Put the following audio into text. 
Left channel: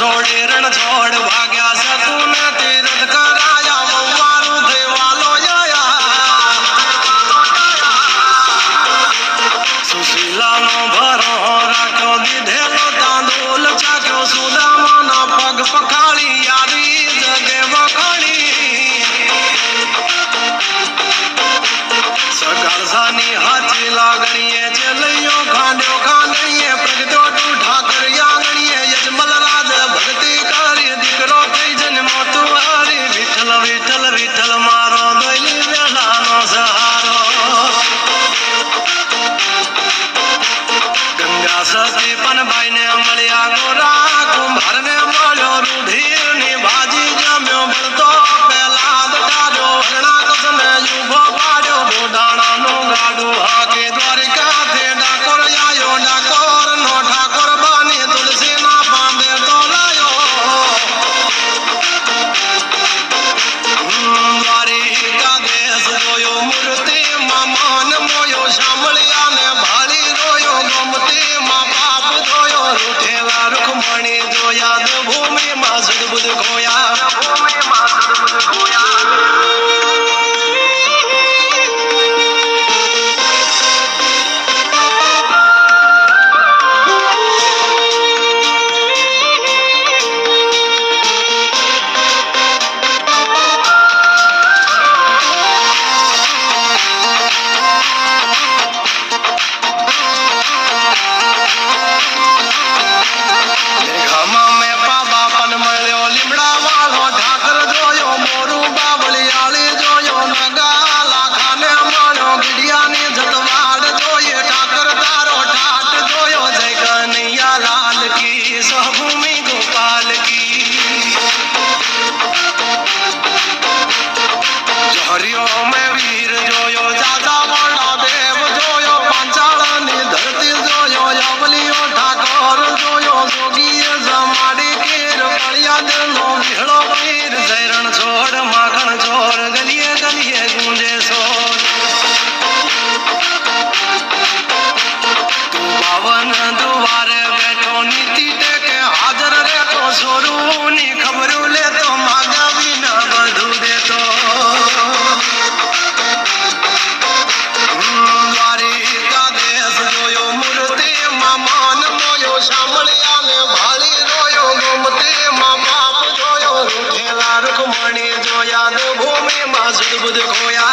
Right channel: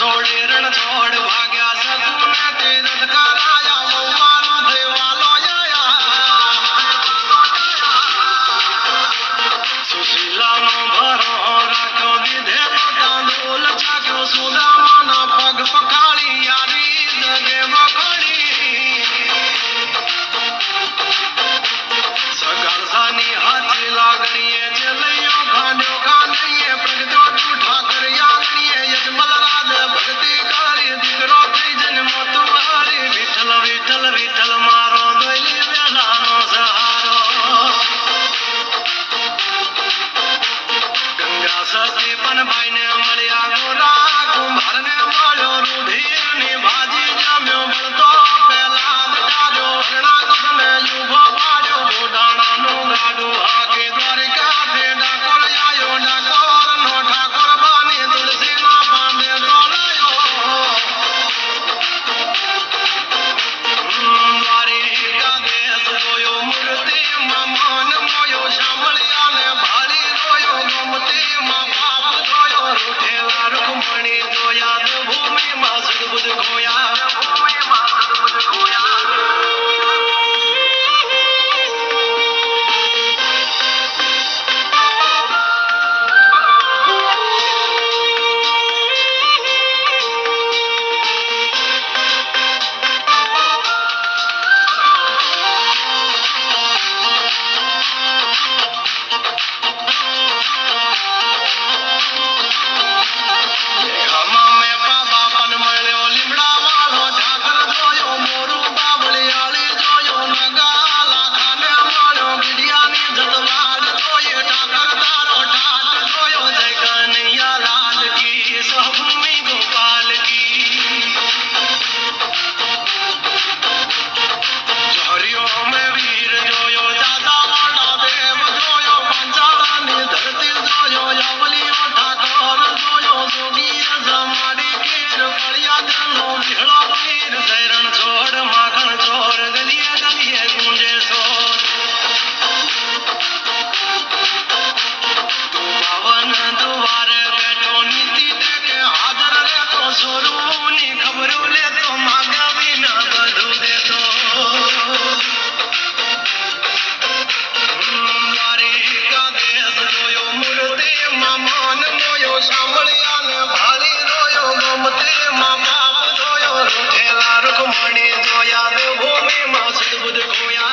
છોડે રણ છોડ ભાગ્યા શકુન તીરથ કરાયા વવારું થઈ વાલો સુશીલાનો ભરો રાખો દીધેલો તાંદોલ ચાખ્યો સુદામાના પગ પખાળી યારી જગે વખાણી સગાસાની હાથી લાગણીએ ચલૈયો ખાંડ્યો ખાંડણીએ પ્રગટ્યો તું ઠાકર યાગણીએ યજમલ રાજ ભક્તિ કરી દીકરો થઈ જન્મો તું હરી વિઠ્ઠલ વિઠ્ઠલ વિઠ્ઠલ મારો દોયલી બેલાનો સહારો ગંગા સતી પણ ભાઈને મળ્યા ગોરા કુંભારને મળ્યો રૂઢીની ભાજી જમ્યો બળતો પેલા દટાડ્યો હરણા કસને યુભો પાડ્યો બોડાણાનું ગાડું હાકે દ્વારિકાથી ડાકોર આયો ડાકોરનો ઠાકોર બની તુલસીના પાંદે તોલાયો દ્વારિકા દેશ જોયો મૂર્તિમાં મન મોયો સાંભળ્યાને ભાળી રોયો ગમતીમાં પાપ ધોયો રૂઠેલા રૂખમણી જોયા તો ભૂમિમાં સુદબુદ ખોયા સુદબુદ ખોયા